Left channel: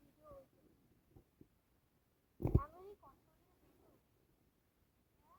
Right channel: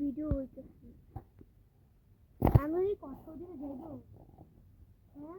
Video হইতেছে আমি কত দিন যাইব হ্যাঁ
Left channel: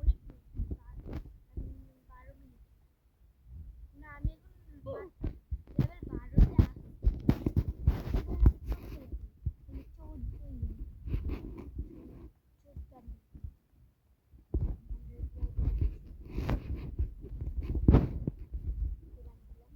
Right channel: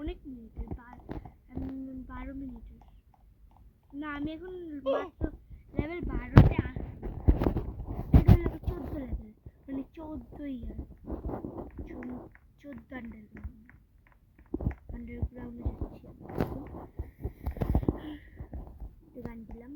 অনেক মিনিটের 12 মিনিটের না আমি এখন মাত্র লেভেল 12-তে এটা হলো 14 লেভেল মানে 14ই 14 আন্ডারগ্রাউন্ডে গান দিলাম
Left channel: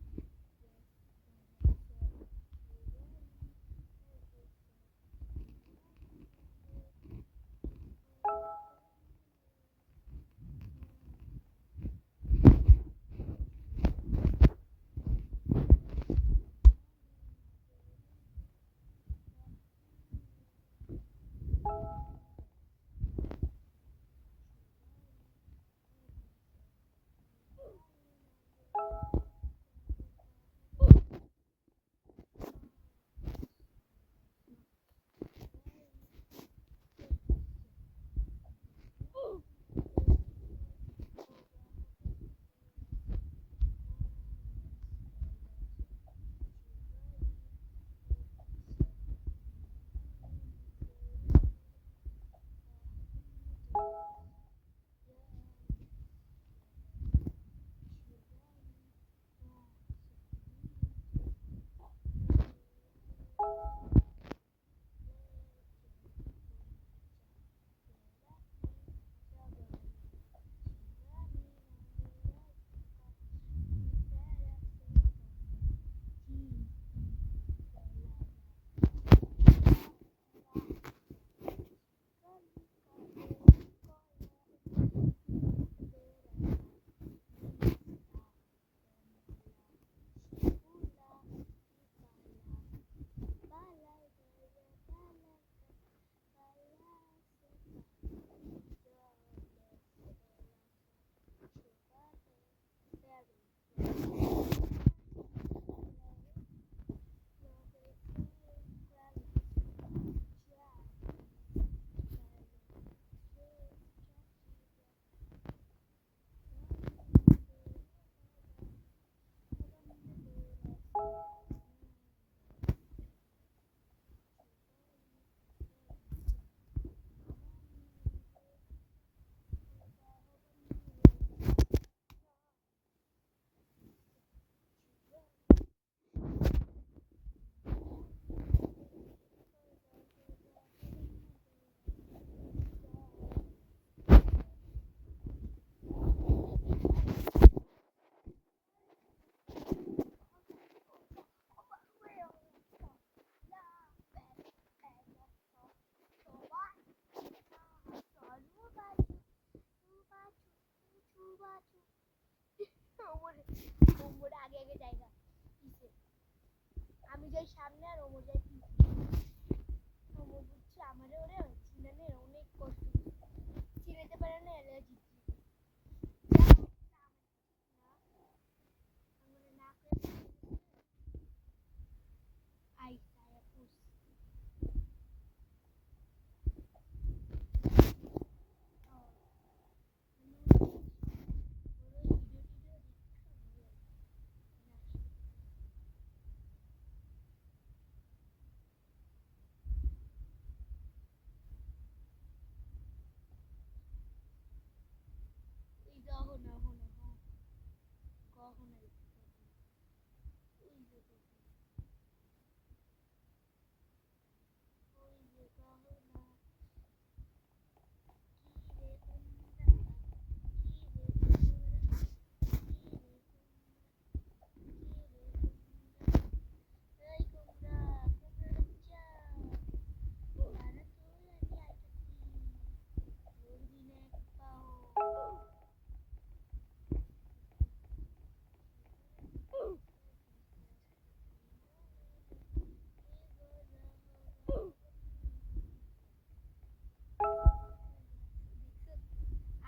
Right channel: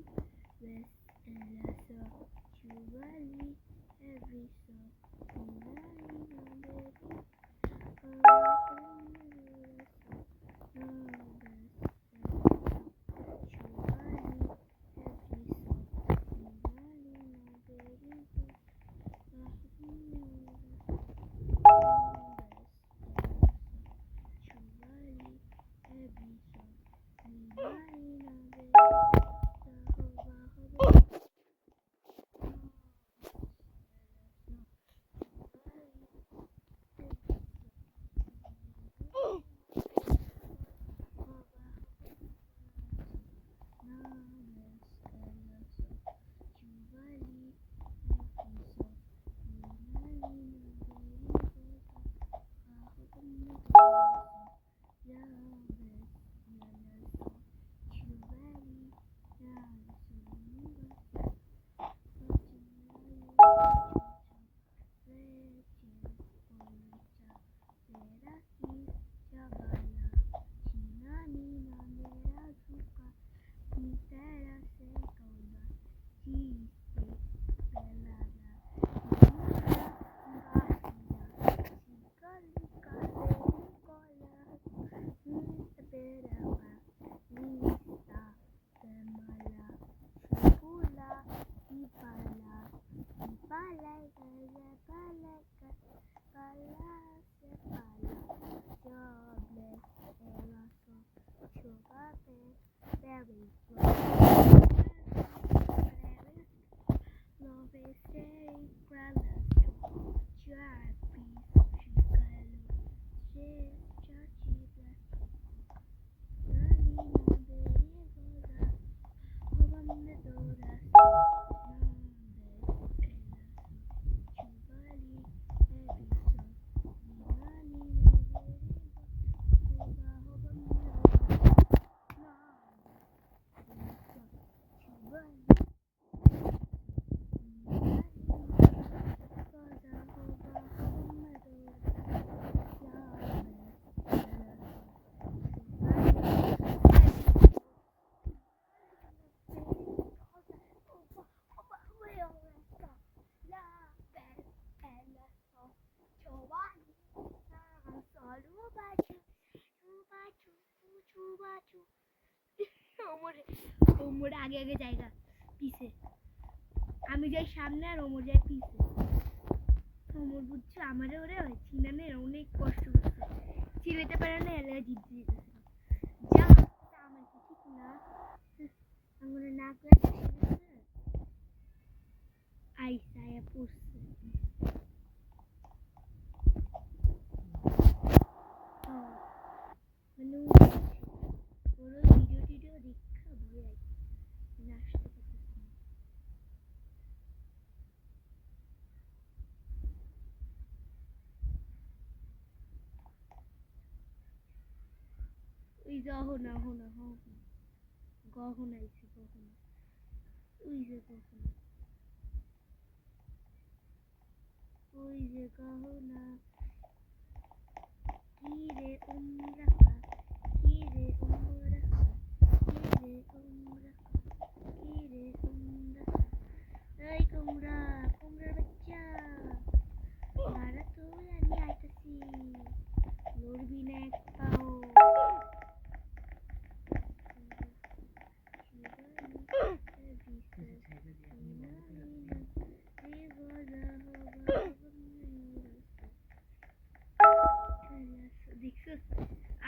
ওমর আগে আগে জায়গা পিছে, আমি যাই সামনে আর ওমর যাই পিছে। ওমর বুঝছো আমারে ওরে চিনানে অনেক কষ্ট করছে, চিনাতে পারে না, এলে জিত দিতেছে যা আমার ঠিক না আমার না করে আইসা পড়ছে। মানে ওর ভিডিও টিডিও দেখা ভয় আসতে ওই গহনা হনা গহনা আইছে গহনা ওই যে গহনা ওই যে গহনা কি রে উমরা কি রে উমরা কি রে উমরা কি রে উমরা এই কুমড়া কুমড়ার বাচ্চা দাঁড়া তো আমি আইতাছি লড়বি না এক পাও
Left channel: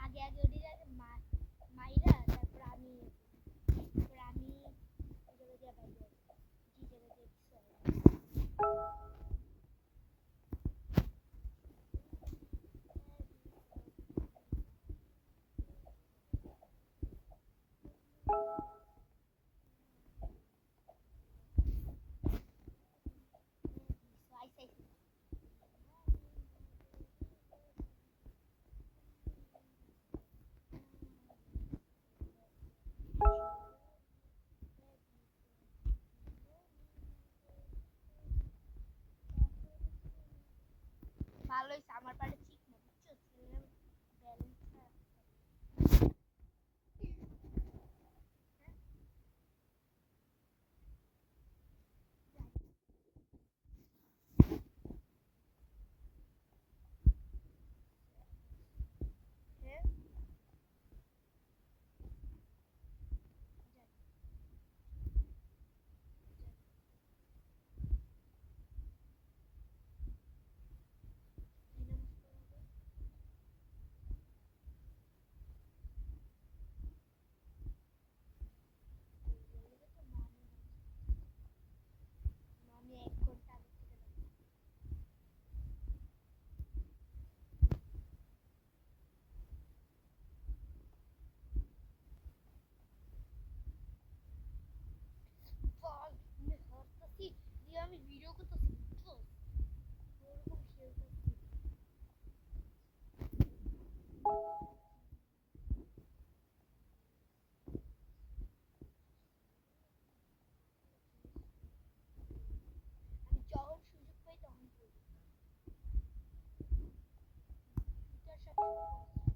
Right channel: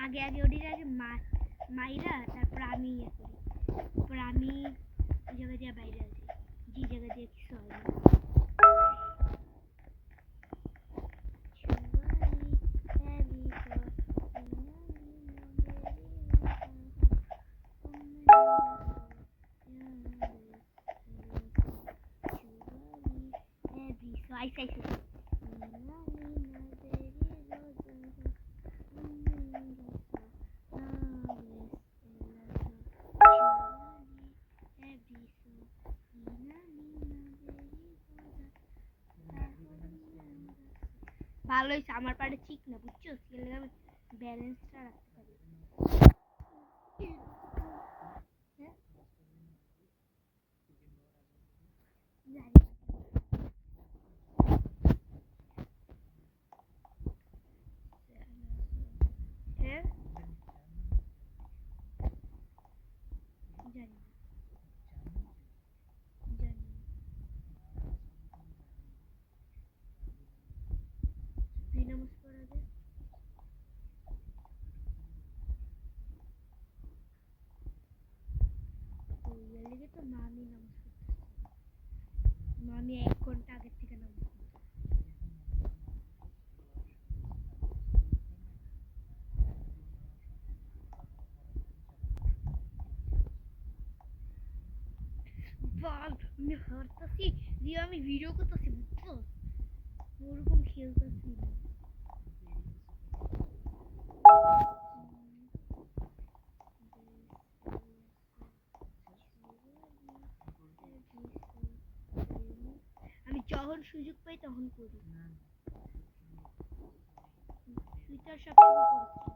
আগে আগে ওটির আগে মাইরা তারপর আমি ইয়ে করি, তারপর আমি ওই জায়গা দিয়ে বাইরে আছি, যে জায়গা দিয়ে কিছু হয় না। ভালো হয়েছে আমার পাড়ে ঠিক না বুঝছো, ব্যালেন্সটা রাখতে পারি। হ্যাঁ জানি জানি দুই নামাজ পড়া যায় লেগে তো মামি নামাজ পড়তে মামি 1 ঘন্টা আগের থেকে নামাজ বাল আমি হারতাছি দিয়ে আমি ভিডিও করতেছি বুঝছো, ওরকম খেলতেছি আমি যখন সুযোগ পাই তখন করি, সুইটার সবসময় করছি।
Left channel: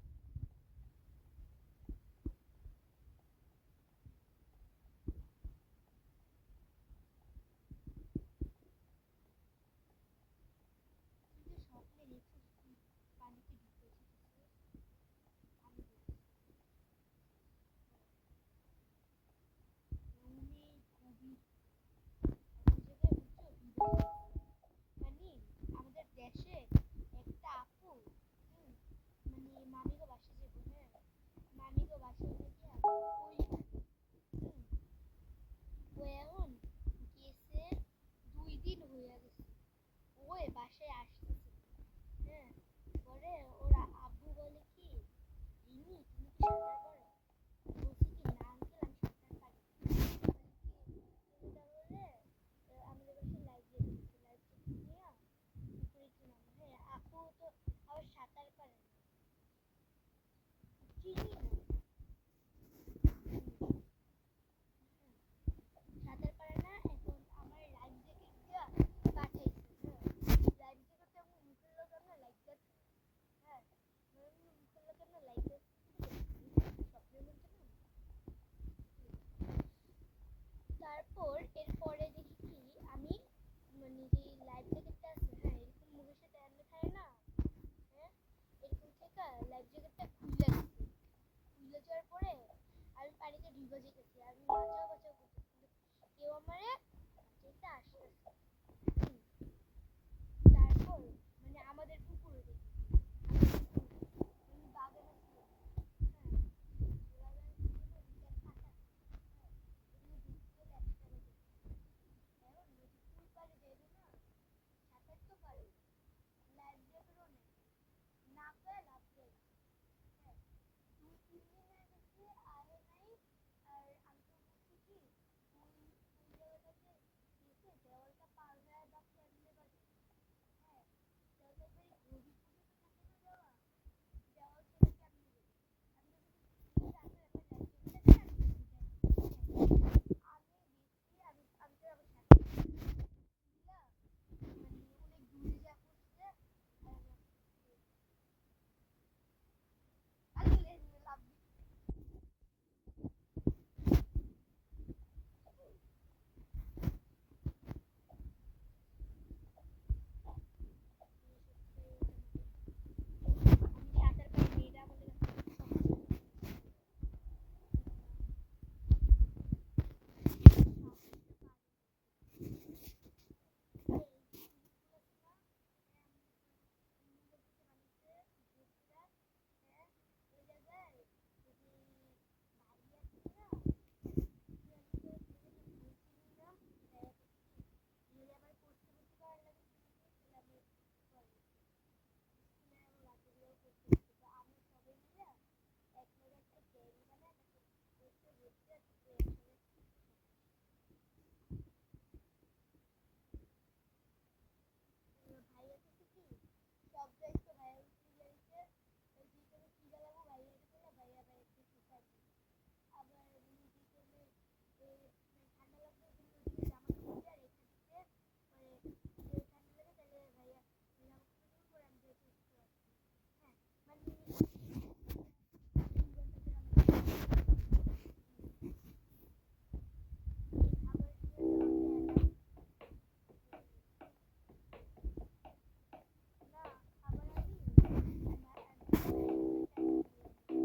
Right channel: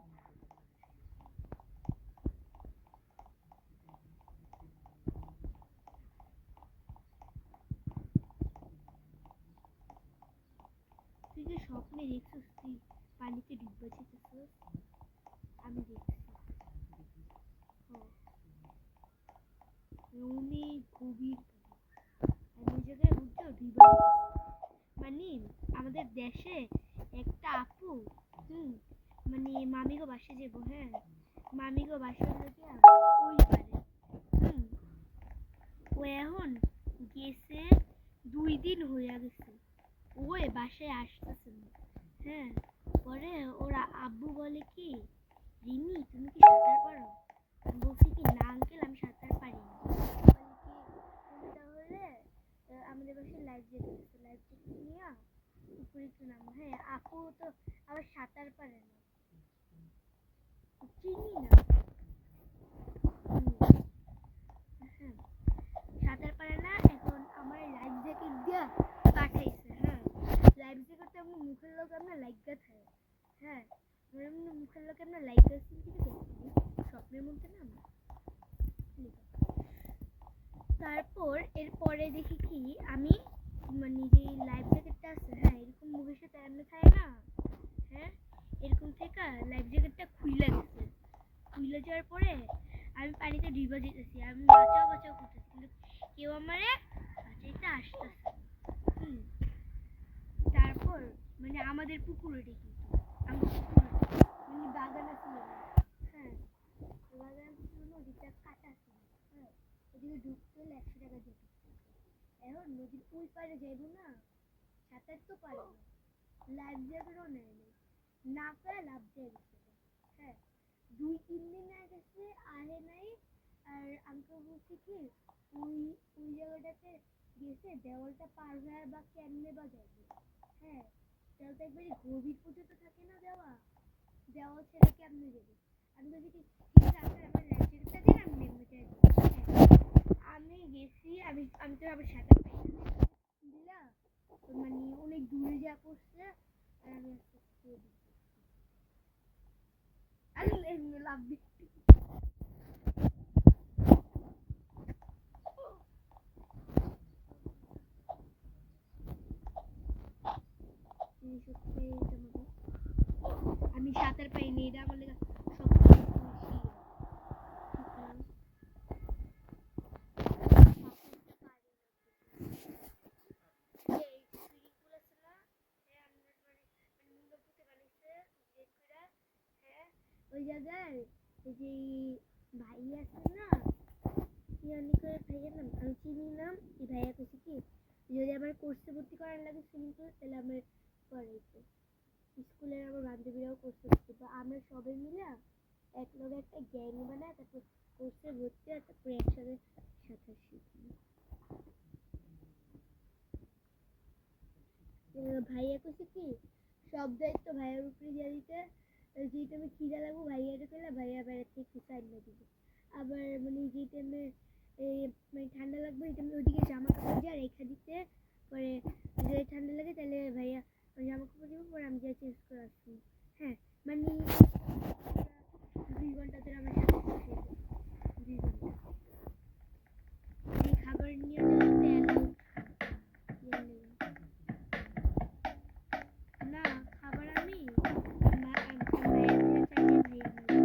তুই যে স্বপ্নে দেখছিস তুই পানিতে ডুববা যেতেছিস, আমি দেখছি অনেক গভীর আমি ওই জায়গায় বুঝছো ডুবা মানে আমাদের দেশে একটা আপু মানে মামিগো বাসে যাবো, হ্যাঁ মামিগো বাসা গিয়া ওই পারে ও এখন গেছে 2 দিন হইয়া গেছে, ওই বাসায় আসতেছে না, হ্যাঁ পরে ওরা আব্বু বলে কি রিমি তুমি কি সাঁতার পারো, আমি বলছি কি না আঙ্কেল আমি সাঁতার পারি না, বলে কি তুমি তাহলে আমাদের বাসায় লাইফ জ্যাকেট আছে, লাইফ জ্যাকেট নিয়ে পুকুরে একটু নামো, হ্যাঁ আপু তো আবার সাঁতার পারে না, চিনি না হ্যাঁ সাঁতার পারে না, এখন আমার লাইফ জ্যাকেট দিয়া পাঠাইছে, হ্যাঁ লাইফ জ্যাকেট তো আমার মুখের লোক আমরা লাইগা থাকে, হ্যাঁ মুখের লোক আমরা লাইগা কিন্তু দেখছি স্বপ্নের মধ্যে না আমরা। তারপর এরপরে দেখি কি আমি মানে যে লাইফ জ্যাকেটটা আছে, হ্যাঁ এরকম মুখের সাথে এমনি থাকে না, হ্যাঁ এরকম থেকে লাইফ জ্যাকেটটা খুইলা গেছে, খুইলা যাওয়ার পরে আমি পানিতে ডুবে যেতেছি, আমি বাঁচাও বাঁচাও করতেছি, কিন্তু কেউ আমারে বাঁচাইতে আসতেছে না। হুম, তারপর মানে আমাদের পুকুর ওটা কিন্তু আমাদের পুকুর মানে বাগান ছিল না। হ্যাঁ, বাগান ছিল না, ওদিকটা কাটা ছিল। হ্যাঁ, ওদিকে ঢুকতে হলে 100 টাকা দিতে। এখন নদীর ওই পারে যাইব না, সাঁতার তো পারে না, লাইফ জ্যাকেটও নেয় নাই, না পায় লাভ দিয়ে গেছে। হ্যাঁ, 2-3 দিন গেছে আহে নাই। আর আঙ্কেল বলছে কি ওই ওই জায়গাটাতে গেছে, দেওয়ালটা পার হয়ে বা কেমনে বা যাবে। হ্যাঁ, দেওয়ালটা একবারে গভীর পর্যন্ত থাকে না, দেওয়াল ছেড়ে কেমনে যাবে। আমি বলছি কি ঠিক আছে আপনার আমার লাইফ জ্যাকেটটা দিন, আমি নেমে যাইব। আমি গেছি, আমি তো আবার সাঁতার দিলা মানে অনেক দূরে যা পড়ছে, আর আমি আস্তে আস্তে লাভ দিচ্ছি। আমি সাঁতার পাইনি, এটা আমার লেগে সবচেয়ে ওই জায়গায় ওই যে ভাই আছে না, কি জানি করে ভাইয়ের নাম আমি চিনি নাম। এই ভাইয়া কইছে কি যদি আমার কোর্সে ভর্তি করার লাগে সুইমিং পুল, তাহলে আমার করাইছে। স্কুলের আমার বান্ধবীরাও কোর্সে ভর্তি, তো আমরা সবাই মিলে এক লগে একটা গ্যাং বানায় তারপর কোর্সে ভর্তি হয়, তারপর একসাথে সাঁতার শিখি। ভাইয়া কইছে কি সব দায়িত্ব ভাইয়ার উপরে দিয়ে দিতে, যেই টাইমে খিদা লাগবো ভাইয়ারে কইলে ভাইয়া বাইরে থেকে কিছু আইনা দিবে। আবার মানে যেই টাইমে মানে ঠান্ডা লাগবে এই টাইমে ওইদিকে জামা কাপড় দিয়ে রেখে দিতে, পরে যদি ঠান্ডা লাগে তাহলে ভাইয়া জামা কাপড় দিব, পরে আমি যা চেঞ্জ করে আসছি। হ্যাঁ, মানে 2 ঘন্টা ধরে আমার সাথে 2 ঘন্টা খাবার নিয়ে যেতে না, খাবার আমি ভাইয়া চাইলে ভাইয়া